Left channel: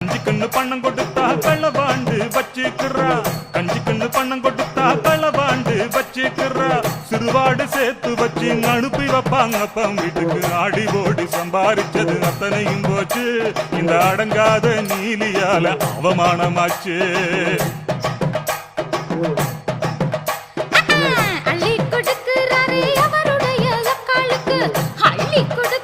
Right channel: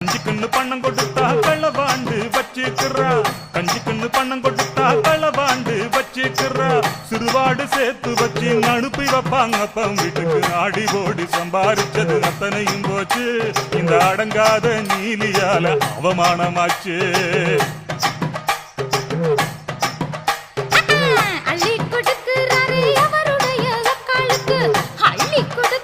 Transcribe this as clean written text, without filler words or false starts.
கஞ்சிக்குன்னு பணம் கொடுத்தா களவாண்டு வச்சுக்கிறா, கஞ்சிக்குன்னு பணம் கொடுத்தா களவாண்டு வச்சுக்கிறா. சிறுவாடு சேர்த்து வச்சு அனுப்பி வைப்பாங்க அப்பம் வீட்டுக்கு. ஆடி ஓடி சம்பாரிச்சது அத்தனையும் போச்சு, இந்த அடங்காத நீலியால அவமானமாச்சு. அள்ளி கொடுக்கிறாரே அவருடைய அக்காளுக்கு, அள்ளி கொடு